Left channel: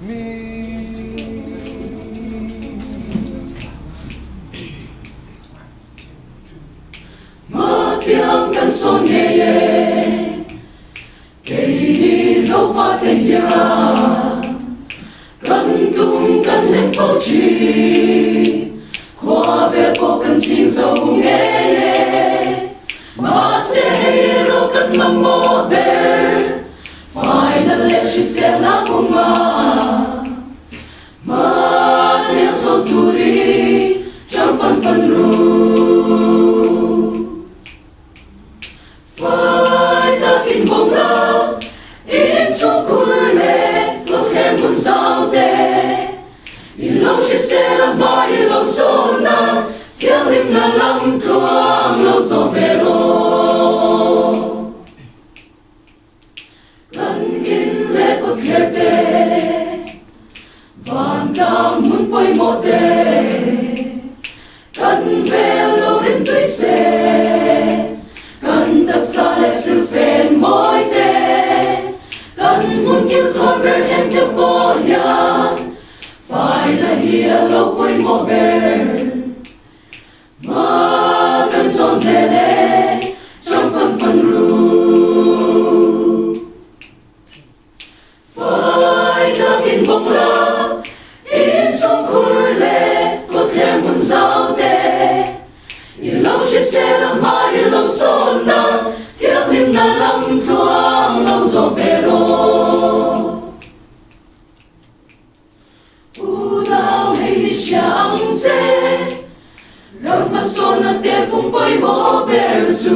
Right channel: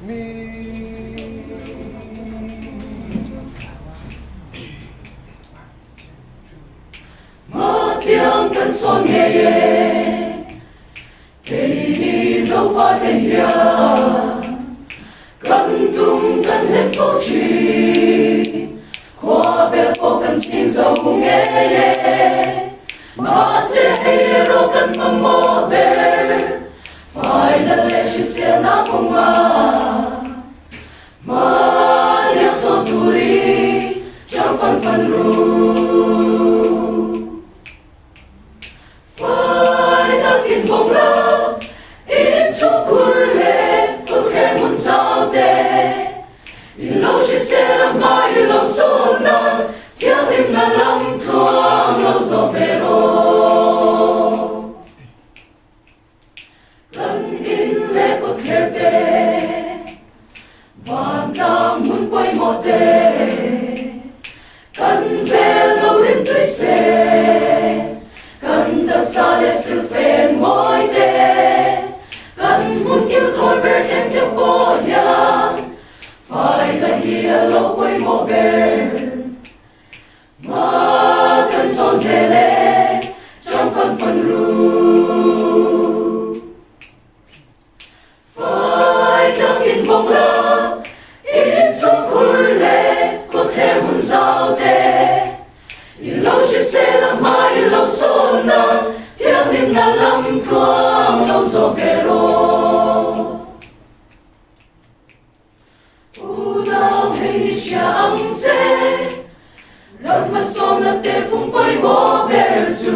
tiếng cân son nhẹ nhẹ cây đi dấu pha tên nhà cân tung cân lên phố chi qua về phố cân xin dấu nghe mà sẽ hay rồi cân mầm mơ bể phải là lệ chỉ sẽ là cùng mà nhớ sâu tu đi trong phần phần ru phải ta kinh vọng la in trong cuối lệ có thể muốn sao thế in lâu chỉ sẽ là mãi lâu sâu na tiếng linh là lắm thoáng lâu gió về rồi cần in lệ có thể về và ta muốn quay một đề cần về lâu đến tuổi xe cần đặc xa lệ sự phèn mối đề cần muốn cứu khỏi bể khen theo bố nhàng phải là hìa lâu quay một bể mà cần son dễ lệ trong phần phần ru phải ta kiên vọng la in trong cuối lệ có thể muốn giao tệ in lâu chỉ sẽ là mãi lâu sâu na tiếng linh là lắm thoáng lâu gió về rồi u nào hay chẳng dễ râm mà son là tê phung bơi bỏ về dù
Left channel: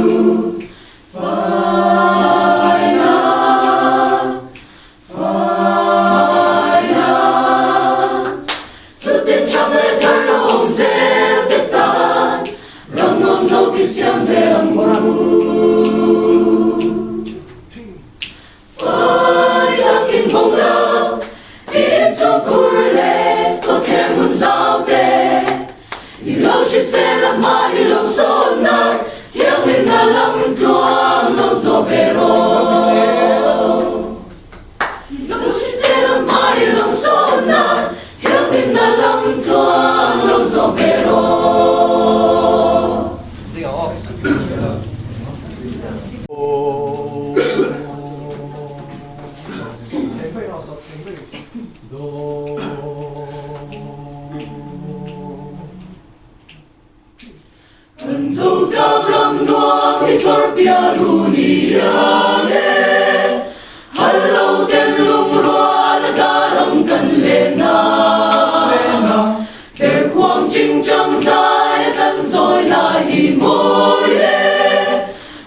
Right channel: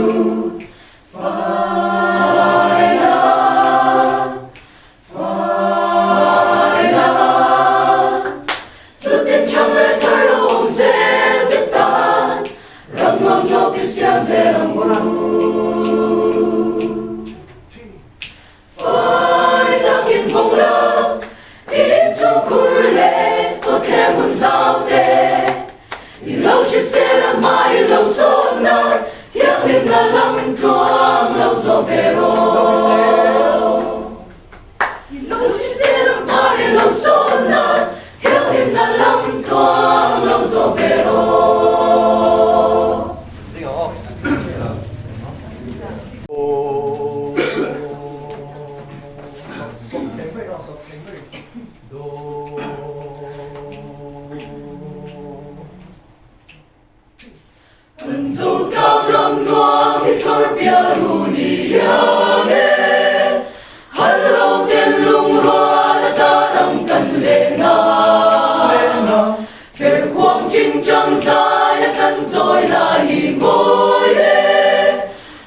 phải là sự tin trong lệ thở lòng dễ tết tan râm ngom dâu biết xem dễ lòng phải là kiên vọng la ít trong cuối lệ có thể muốn giao tệ lâu chỉ sẽ là mãi lâu sâu na tiếng linh là lắm thoáng lâu gió về rồi lâu chỉ sẽ là mãi lâu sâu na tiếng linh là lắm thoáng lâu gió về rồi Cần dấu cao râm noa mi sor bia ru ni yange Hello ten lung roa la ta ram kan le na Per quang ching chang sai kan soi la hi môi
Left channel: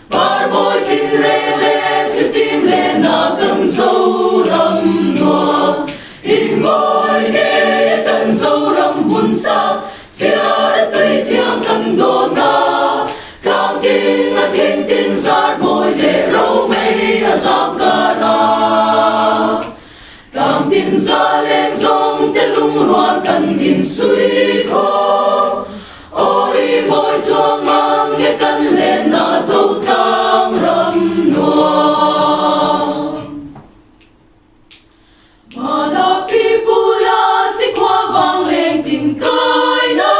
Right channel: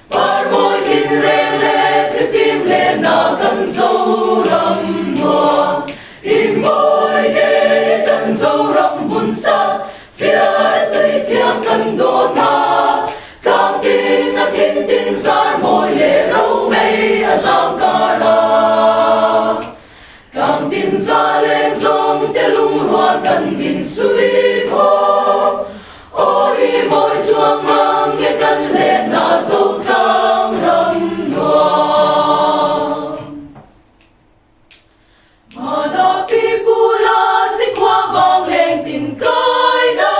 Par môi kin re le ti phim le na kan dấu râm noa I môi ge kan dấu râm bun sa Philar tây thiang kan do na Càng tin na thiên tin zar môi lệ râu mây a giam ca ra Càng tin ra lên dòng te lung roan cần in suy khó Ôi môi chuang mang nghe cần lên na dâu thang râm noa Mà na pi bu la si qua vang lên tình cay na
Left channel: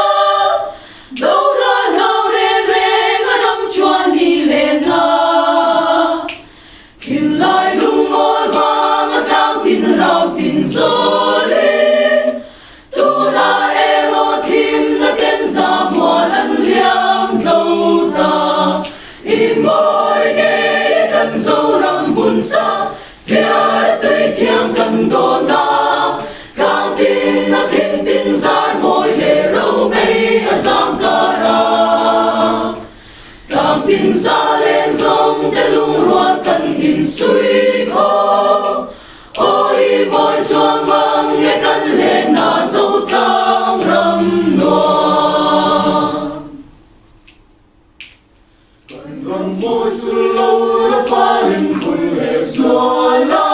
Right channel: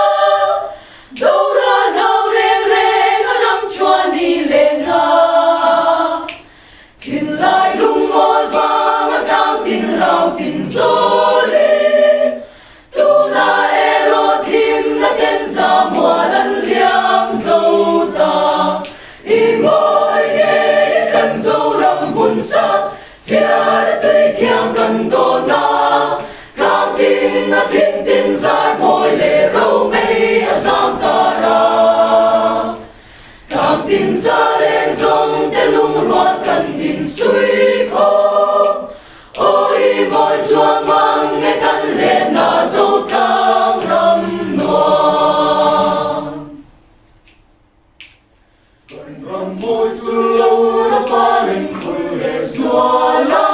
đâu ra lao re re ga nam chua ni lên na tin lai lung mol vang tang tin lao tin zo le tu na ero thim na ten za mo lan liang zo ta i moi ge kan zo ram bun sa fiar tui thiang kan do na càng tin na thiên tin zar môi lệ râu mây a giam ta ra càng tin ra lên dòng cái lung roa cần in suy khó ôi môi chuang mang nghe cần lên na dâu thang râm noa râm môi xuân lâu đã ba linh khuyên lệ xóa la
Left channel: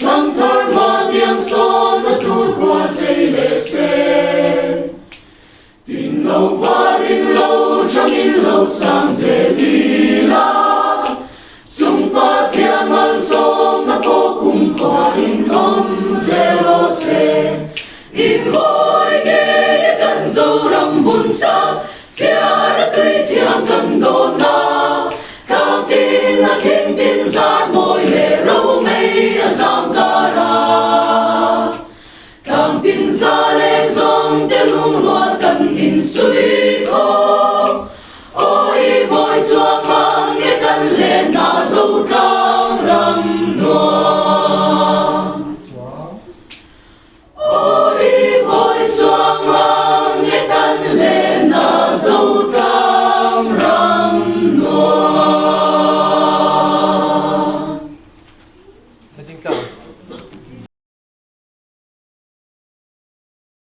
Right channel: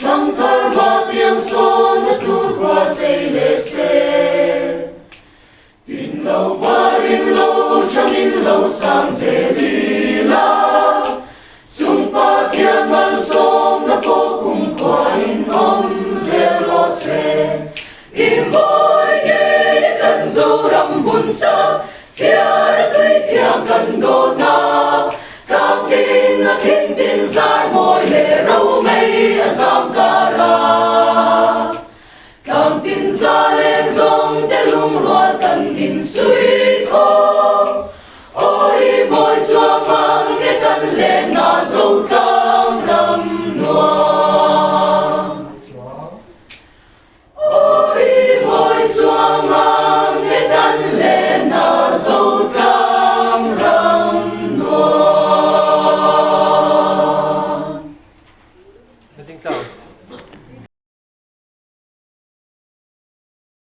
trong thar ma tiếng son đã tuôn qua xây lệ xe tin lâu và in lâu trong in lâu sang dễ đi la chung ba thiên man sông đã vô cùng qua in âm buồn xa kia tuy thiang cần đồ na các tin là thiên tin giar